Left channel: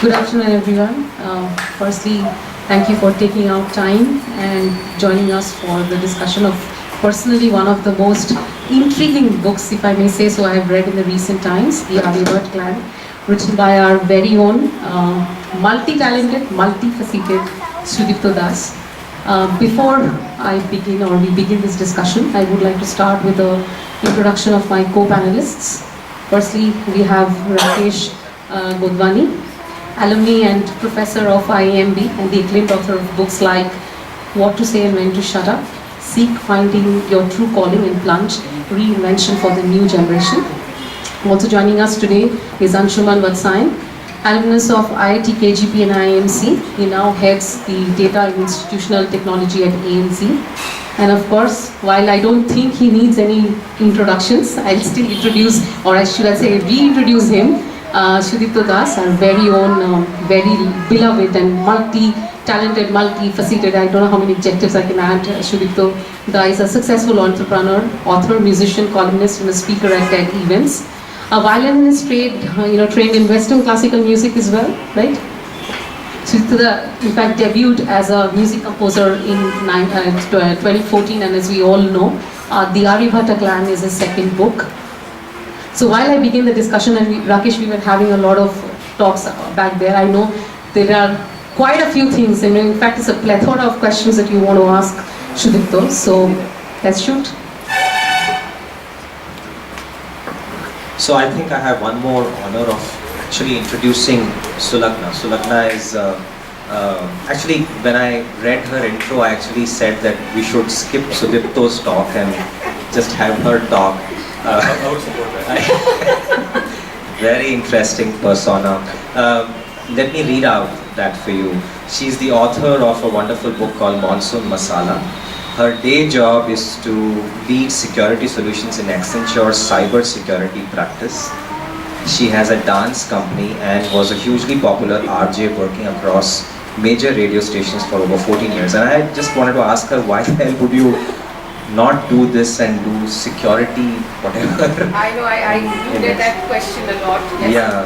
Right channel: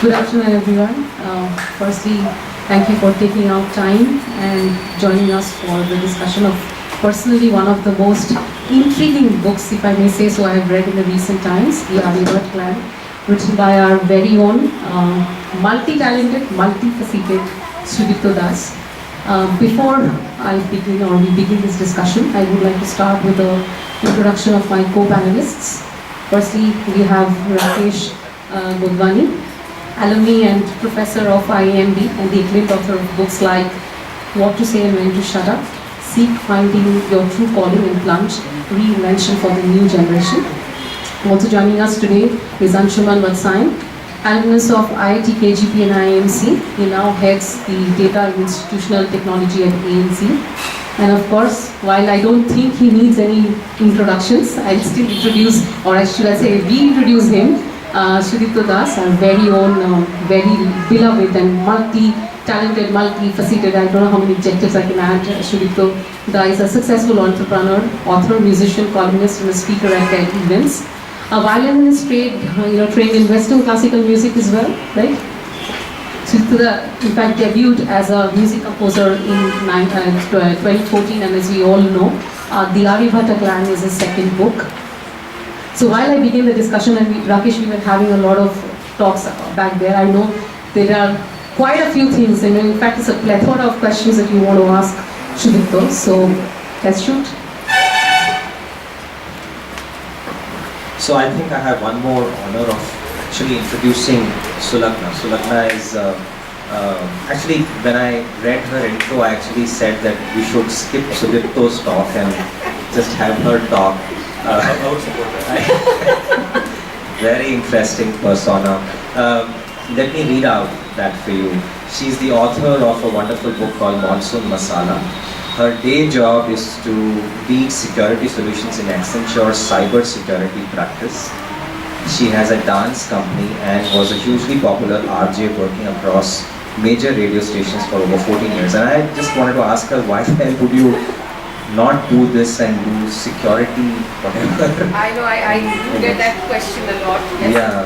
Good afternoon, everyone. Firstly, thank you for taking out time and joining us for the discussion of personally one of the most intriguing books, if I may say so, I have read in the recent times, the Aryabhata Clan, written by our very own multi-talented, multi-faceted Sudipto Das. Before I begin or we begin this discussion, I would like to start with the introduction of my co-panelists. Firstly, we have Rakesh Godhwani, alumni and professor of IAMB and the acclaimed author of books like What to Say and When to Shut Up, Seek Finding Your True Calling and Plunge, Reinvention for the New Generation. Also joining us today is Anshuman Vatsyayan, alumnus of IIT KGP and IMC. He now heads the Data and Institutional Technology at ANZ. And of course, while I don't think he needs any introductions, I'll still introduce, or should I say reintroduce him, Sudipto Das, our very own, very beloved and multi-talented, multi-faceted, I don't know how many adjectives I can add. Sudipto Das is a successful entrepreneur, author, musician, columnist, and a speaker at TED events. A violinist trained in Western classical music as well, right? Sudipto, in fact, debuted as a music composer in 2014, and as we all know, the Aryabhata Clan is his second book. So while I begin the discussion, and Rakesh, we were having a lot of talks back there, I know there are quite a few things, and in fact it's a plethora of questions that you want to ask Sudipto, so let's shoot. So I think I have one more honor of actually introducing Sulagna. Sulagna is, actually when I read her intro, I actually said that we should skip Sudipto's talk and just have her talk. I would support that. Very interesting persona. Let me read out that for you. She's the author of a wonderful book called Monsoon Masala. Her day job is to lead security solutions in Accenture's cyber security practice. She has a dance company and was a hugely popular RJ working across major radio stations for over 14 years. And I just wanted to ask her, why the hell would you not do this and do security, whatever? I know, I do get that question a lot.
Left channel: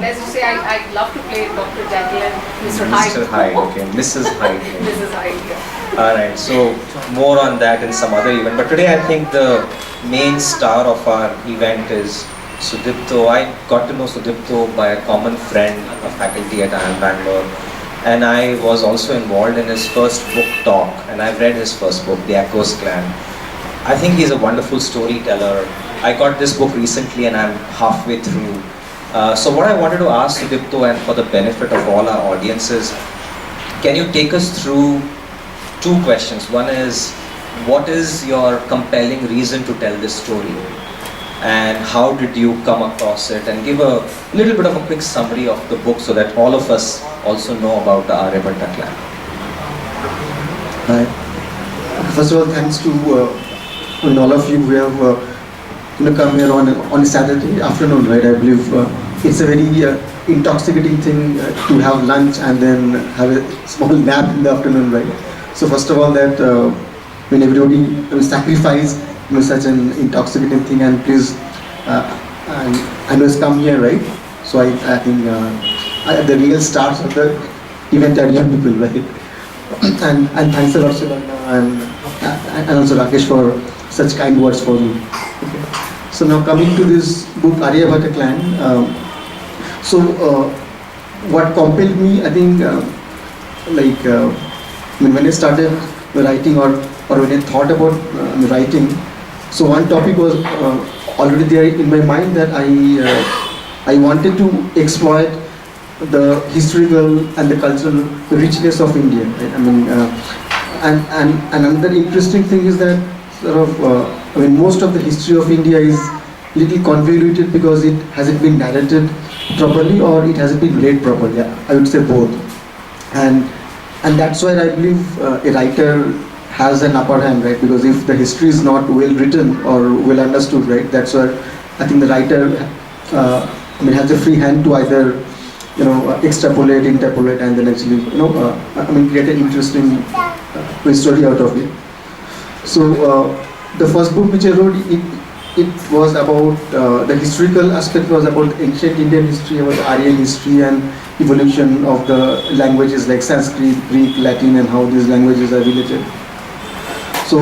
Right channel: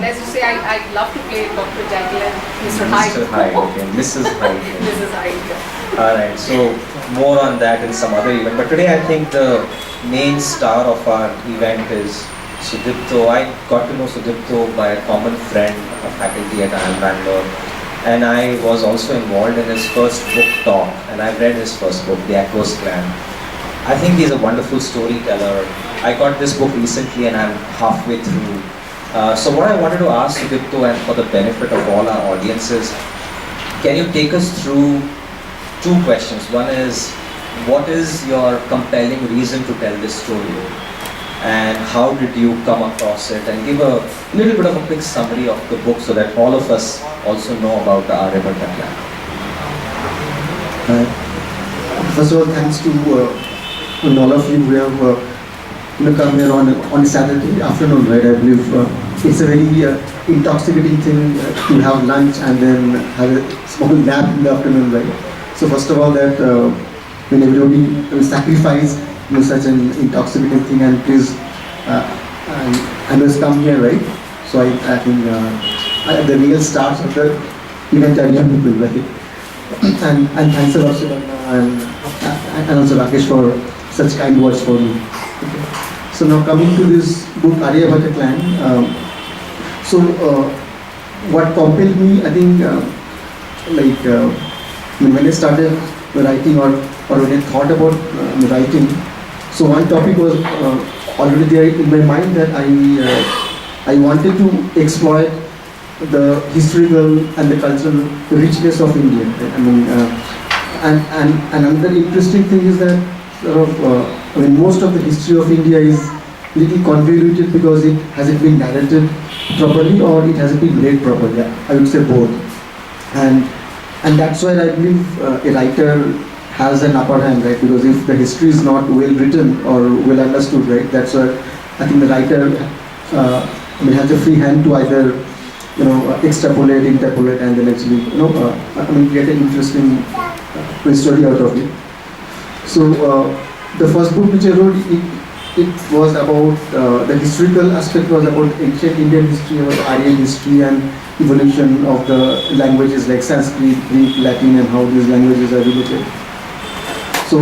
Let's just say I love to play Dr. Jekyll and Mr. Hyde. Mr. Hyde, okay. Mrs. Hyde. Mrs. Hyde, yeah. Alright, so more on that in some other event. But today I think the main star of our event is Sudipto. I got to know Sudipto by a common friend, a faculty at IIM Bangalore. And I was also involved in his first book talk. And I've read his first book, The Echoes Clan. I think he's a wonderful storyteller. I got this book recently and I'm halfway through. So what I wanted to ask Sudipto, and for the benefit of all our audiences, can you take us through two questions? One is, what is your compelling reason to tell this story? And how did you come across it? And give a little bit of a quick summary of the book so that all of us also know about the Aryabhata Clan. First of all, thanks to all of you who have come here on a Saturday afternoon, right? I believe it's a very intoxicating thing to have lunch and then have a small nap in the afternoon, right? So first of all, that when everybody sacrifice such an intoxicating thing, and please, I must come here, right? So I think the real stars of the event are young people, right? And thanks a lot, Sulagna, and also Rakesh for such kind words for me. Okay. So now coming to this book, Aryabhata Clan. What compelled me, I think, when I started writing or when I thought about writing, so one topic was already there in my mind, that I wanted to exploit the historical and the cultural richness of India. Right? I mean, and another interesting thing is that most of the history of India is little convoluted because it hasn't been narrated properly or it hasn't been read properly. I would say both, and that's why I believe a writer has an upper hand, right? Because if the history is not well written or well understood, right, that's why I think the writer has a free hand to either extrapolate, interpolate, and then actually get an interesting story out of it. So the first book which I wrote, it was about the historical aspect was about ancient Indian history, about Aryan history and evolution of the languages like Sanskrit, Greek, Latin, and how these languages are related. So,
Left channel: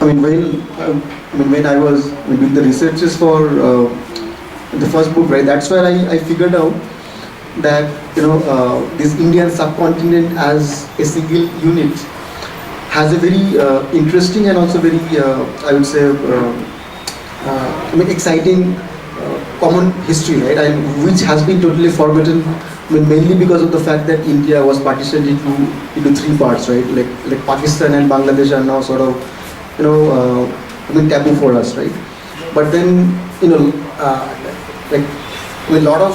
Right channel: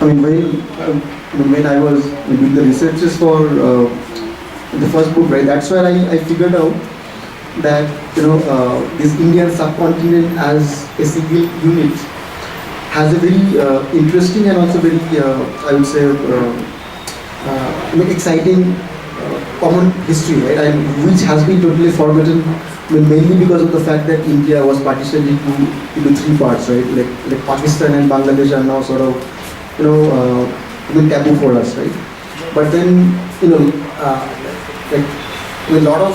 when I was doing the researches for the first book, right, that's where I figured out that this Indian subcontinent as a single unit has a very interesting and also very I would say exciting common history, right, and which has been totally forgotten. Mainly because of the fact that India was partitioned into three parts, right? Like Pakistan and Bangladesh are now sort of taboo for us, right? But then like a lot of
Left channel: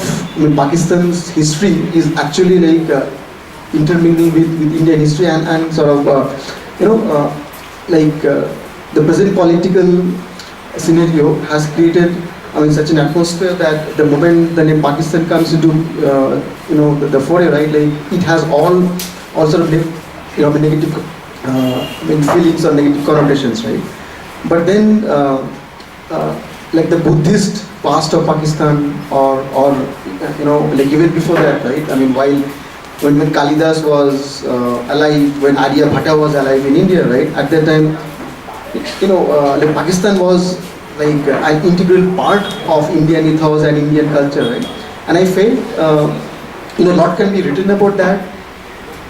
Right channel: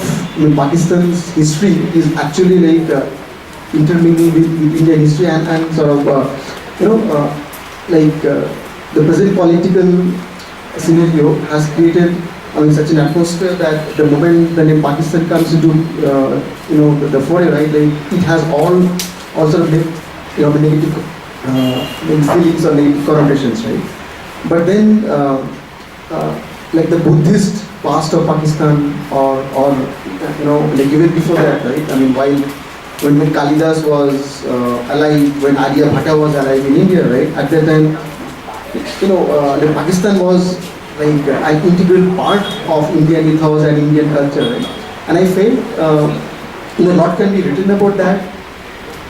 Pakistan's history is actually like intermingled with Indian history and sort of the present political scenario has created such an atmosphere that the moment the name Pakistan comes into the foray, right, like it has all sort of negative feelings or negative connotations, right? But then like the Buddhist past of Pakistan or like even before that, right? I mean, when Kalidas was alive, when Aryabhata was alive in India, right? At that time, like Pakistan was like an integral part of Indian ethos and Indian culture, right? And I felt a lot can be written about that,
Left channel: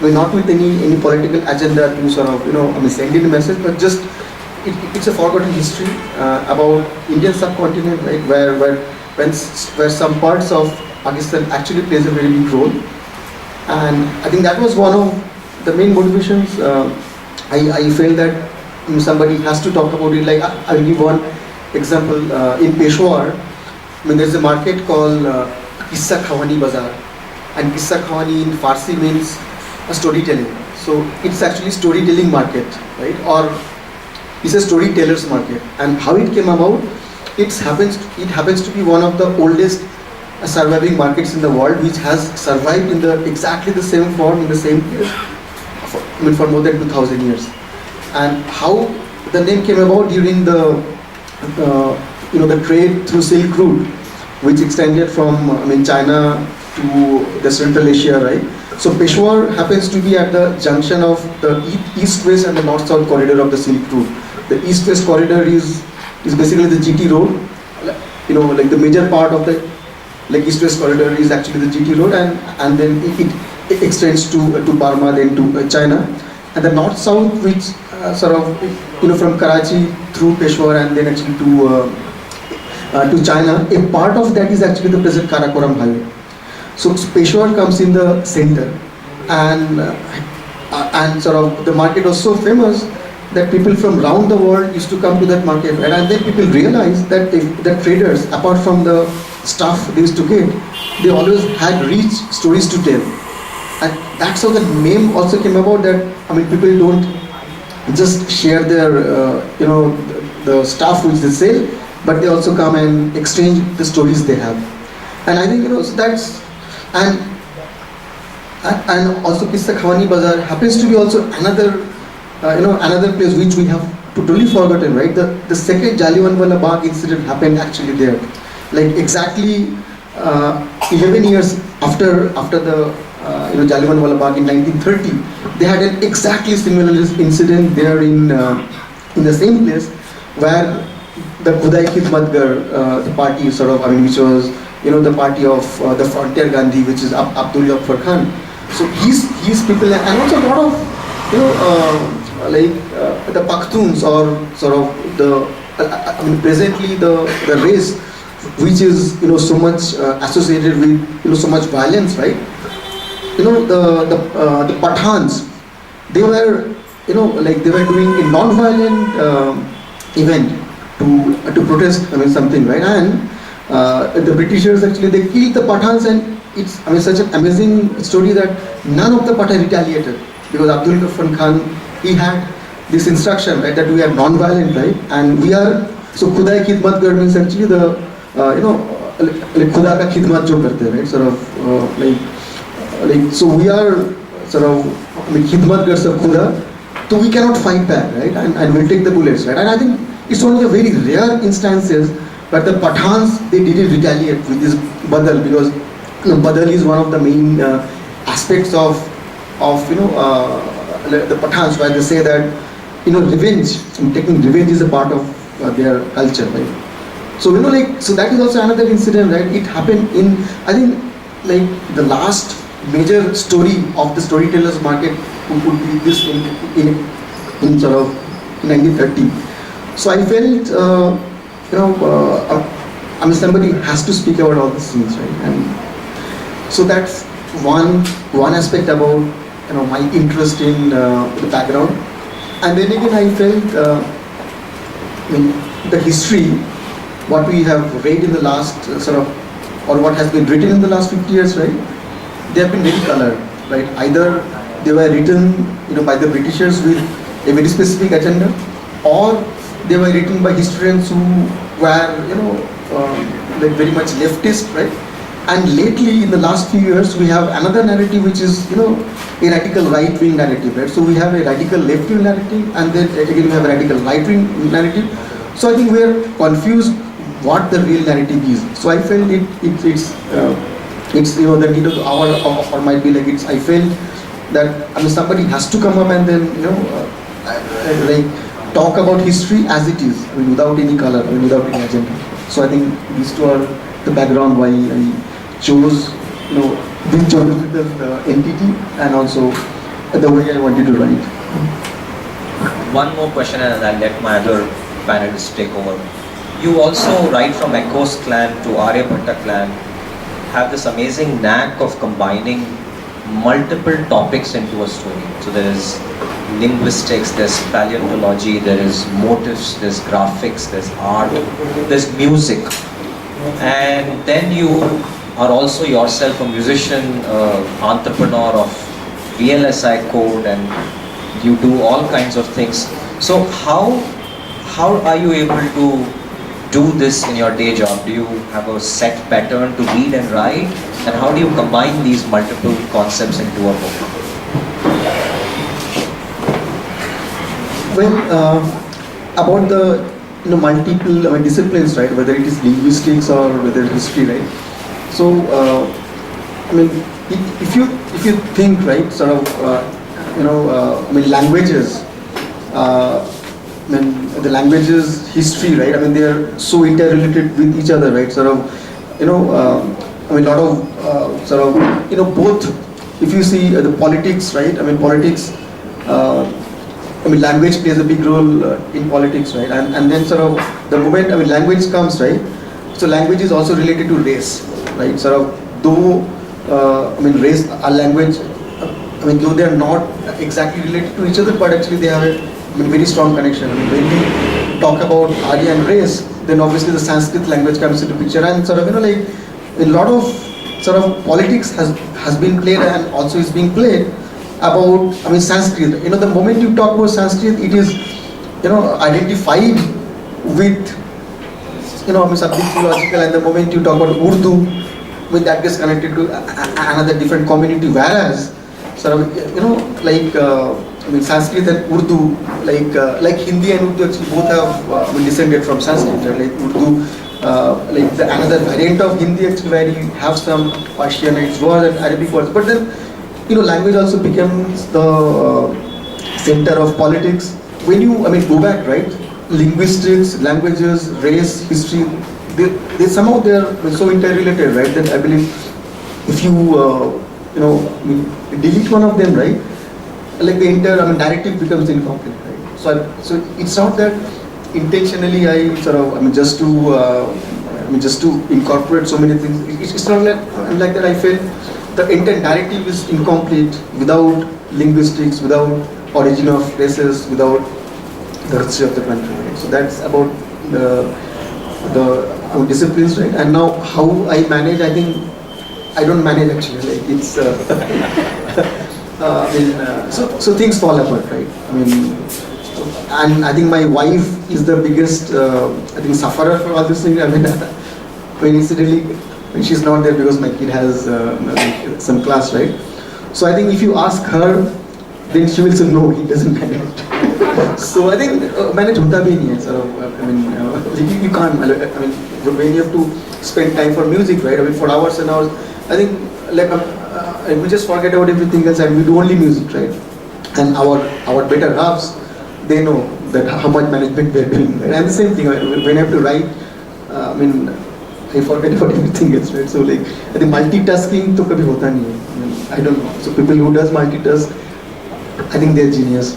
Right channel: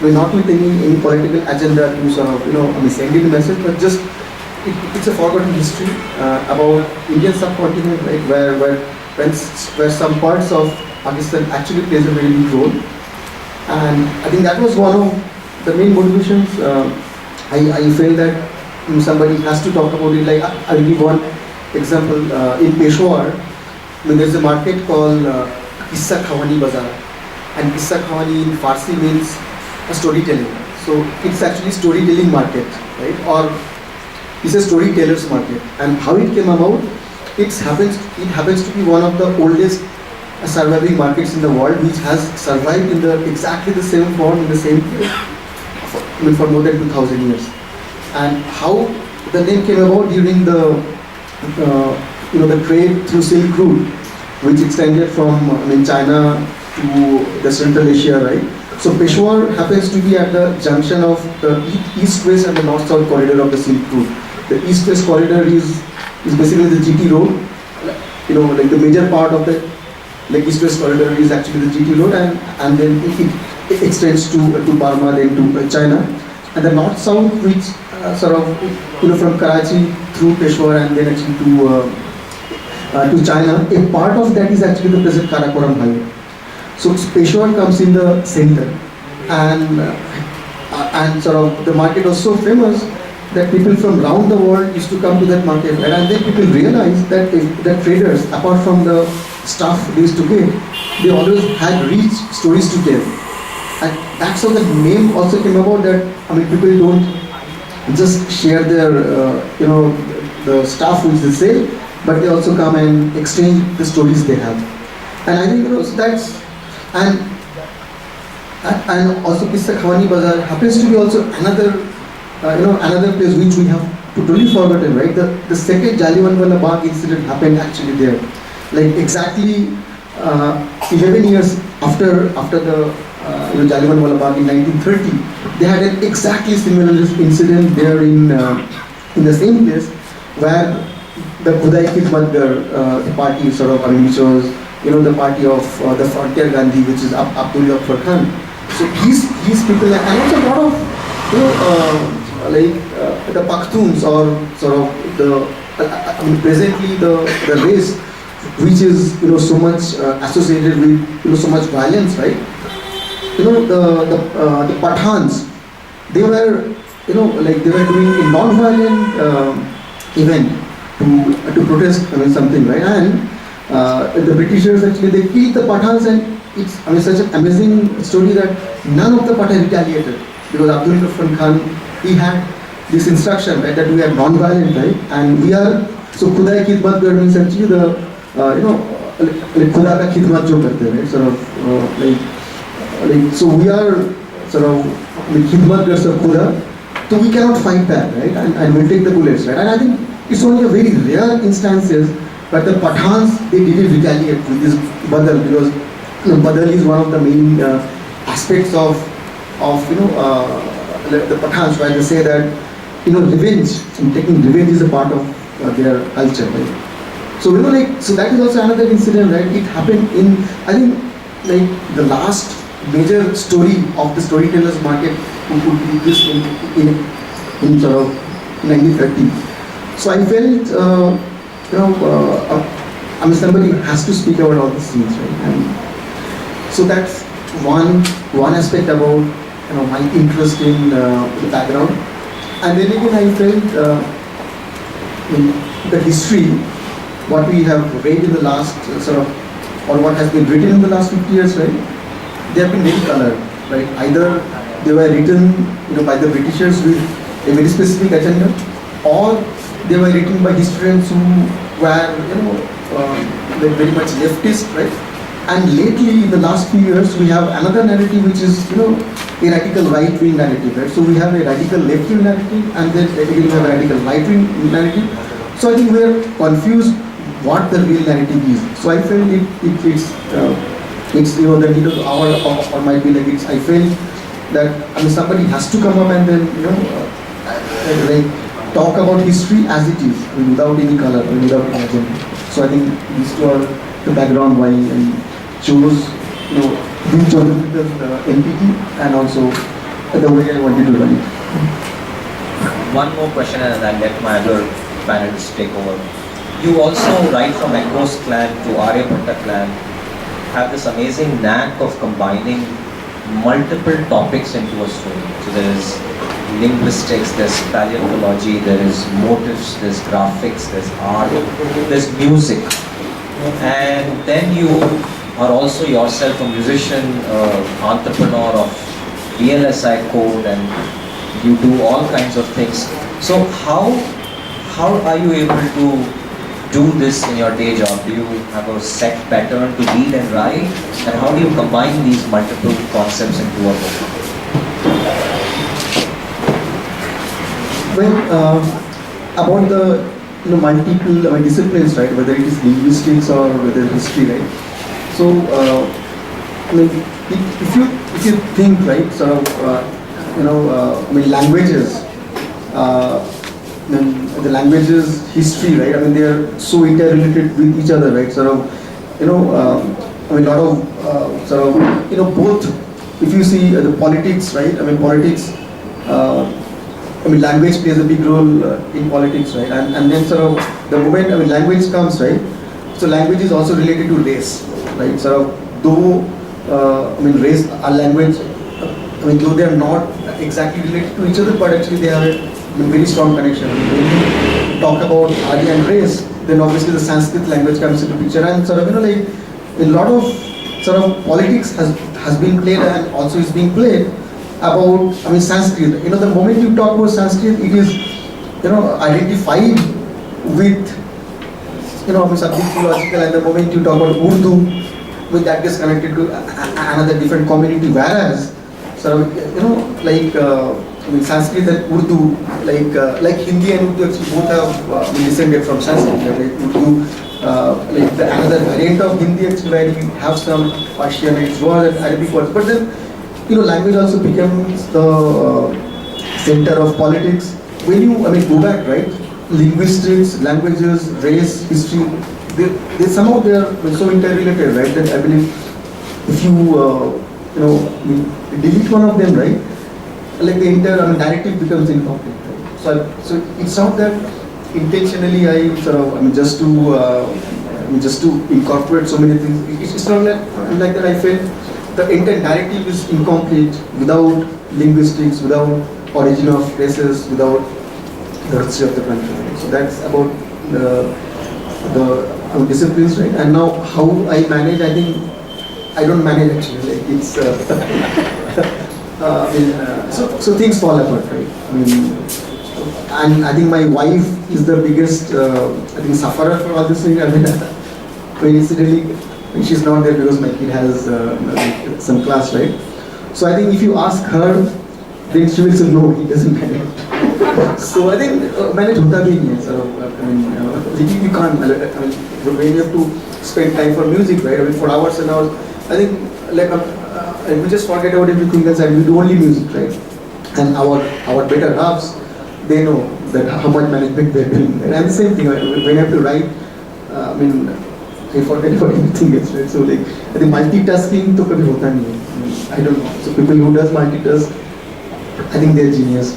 not with any political agenda to sort of send in a message, but just it's a forgotten history about Indian subcontinent, right? Where some parts of Pakistan actually plays a very big role, and I think that was one of the main motivations. I felt that somebody has to talk about it. Like I'll give one example. In Peshawar, there's a market called Qissa Khawani Bazaar, and Qissa Khawani in Farsi means a storytelling. So it's actually storytelling market, right? Or it's a storyteller's market. And how it came about, it happens to be one of the oldest surviving markets in the world, which has survived in exactly the same form in the same place for more than 2,000 years. And how the name came about during the trade through Silk Route, which extended from China to the Central Asia, right? So Peshawar happens to be at the junction of the east-west and the north-south corridor of the Silk Route. The east-west corridor is basically the GT road. Like the major part of the east-west corridor is actually the GT road, and then it extends to Burma, then to China. And the north-south, which sort of from Karachi through Peshawar and then actually to China, a part of that is actually the present Karakoram highway. So Peshawar comes in the center, and sort of the market was so famous that people from around the world used to come to that market, right? And then people realized that the traders, apart from the stuff they used to get, they always had rich stories to tell. And that's how the name also came about, that people don't just share their the stuff which they sell, but they also come and exchange the stories they have. And I think so that's and also Qissa Khawani Bazaar happens to be also another another place which we have totally forgotten, right? The second Jallianwala Bagh incident happened actually there, like exactly 11 years after the Jallianwala Bagh in 1930. They had an exactly similar incident there in the same place, where the Khudai Ki Khidmat the party sort of, which was the party of the frontier Gandhi, which is Abdul Ghaffar Khan. So these people, and also a lot of the Pakhtuns, or sort of the presently the race which is so much associated with so much violence, right? The Pathans, they were they were doing a non-violent event to protest something, right? And the Britishers actually they killed the Pathans, and it's such an amazing story that none of the Pathan retaliated, because Abdul Ghaffar Khan, he had this instruction, right, that we are non-violent, right? And we are, so Khudai Ki Khidmat means actually the Khuda ka khidmat jo karte, right? Sort of so we are sort of khidmat gars of Khuda, so we cannot fight back, right? And we'll take the bullets, right? And I think It's only a very rare instances, but the Pathans, they didn't retaliate with this badal, because badal is one of the main aspects of the Pathans, where they say that revenge, taking revenge is a part of their culture, right? So so that is also another incident, right? It happened in, I think, like the last major story of the storytellers market who could be this in sort of 1930. So I felt I mean, somebody has to speak about all these things, right? And so that's one aspect about my interest in the background. And then again, I felt in the history, what we have read in the last or what has been written in the last 50 years, right? They have been very colored, right? Either they were written, by the Britishers with a very specific agenda, or they were written by historians who were, like very much leftist, right? And lately, in the last few years, we have another narrative which is, a radical right-wing narrative, right? So we have a radical left-wing narrative, and then again we have a radical right-wing narrative. So I think we are confused what the real narrative is. So I felt it's the need of the hour, or might be like I felt that somebody has to come up and then like talk about history as it is, without any color, without any agenda. So I think these two are the background why I chose being chosen with the entity, and also the way I wanted to write. One more question and I'll let my other panelists take over. You also write from Echo's clan to Aryabhata clan, have this amazing knack of combining multiple topics into a story. So there is linguistics, there's paleontology, there is motifs, there's graphics, there's art, there's music. And then you are also yourself a musician, entrepreneur of VLSI code, and you do all kinds of things. So how are you able to do this in your day job? Do you have a set pattern to read and write? And how do you combine these multiple concepts into a book? Well, about the multiple disciplines, right? Whether it is linguistics or whether history, right? So, if you think, right, sort of, languages. The languages history, right? They are so interrelated with each other, right? Sort of, a lot of both. If you see the politics, right? Politics. Language plays a big role in politics, right? And then sort of the moment language comes, right? So language is also related to race, right? Sort of though race, our language, though they are not exactly related to each other, but actually they have a very strong connection. When we talk about Arya and race, then obviously the Sanskrit language comes into picture, and sort of like a lot of sort of politics has been played and also is being played about Sanskrit. The moment you talk about Sanskrit, it is identified with something theological, and the moment you talk about Urdu, that gets connected to another different community. Whereas sort of like Sanskrit and Urdu, like Hindi and Urdu actually both have descended from Sanskrit. Like Urdu, like another variant of Hindi actually, where you have some Persian words and Arabic words. But then language also becomes the center of politics. When you go back, right? Linguistics, languages, race, history, they somehow they are so interrelated, right? That I believe if you delete one of them, right? Like the entire narrative becomes incomplete, right? So it's not that intentionally I sort of just to incorporate so many things. It's not like that. I felt the entire narrative is incomplete without linguistics, without origin of races, without the history of the country. Right? So that's about the disciplines, right? And now how I manage, I think I don't manage actually. Like it's so things fall apart, right? And I think my wife is the biggest sufferer for all this thing. Incidentally, she's not there because my kid has some class, right? So I think if you ask her, then she will say no, he doesn't manage. So I think manage hota bhi nahi hai. So I mean, you can't. I mean, when you have to spend time for music, right? I mean, for hours and hours. I think like we just forget about everything else and we do only music, right? And our better halves, they know that how much management they're doing. And the same thing when I have to write. I mean, I forget about everything else, right? So like, I think multitasking to kabhi hota nahi hai. I don't know. So people who does multitask, I think they're genius.